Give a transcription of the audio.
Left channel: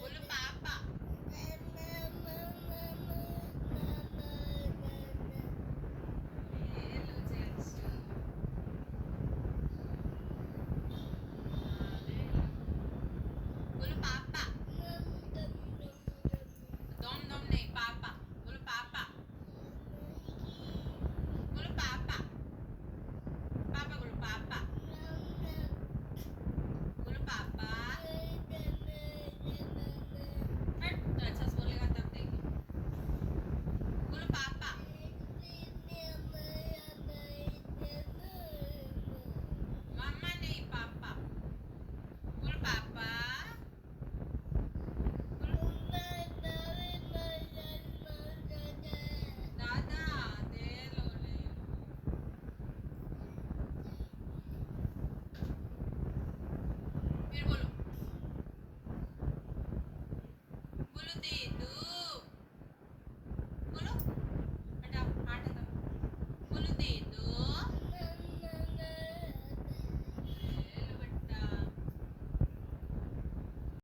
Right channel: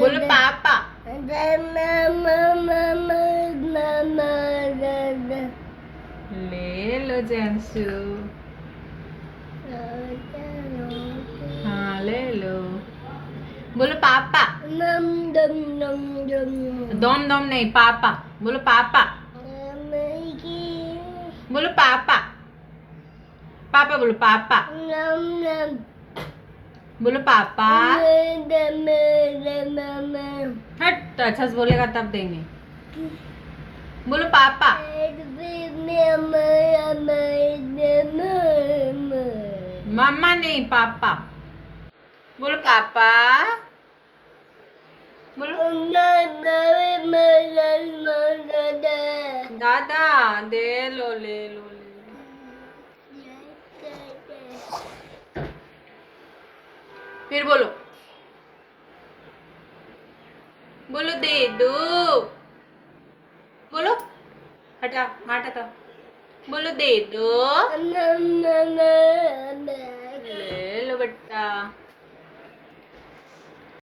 बोलो पापा। ले लो जैंसू। हाँ ले लो। बोलो पापा। दम दम नहीं पापा। बोलो पापा। बोलो पापा। पापा बोलो पापा। बोलो पापा। हट तो अच्छा से बोलेगा तब देंगे। बोलो पापा। मम्मा नहीं पापा। बोलो पापा। बोलो दादा दे लो ले लो ले लो। फिर बोलो। बोलो दे दो। बोलो हटा हटा तो बोलो दे दो।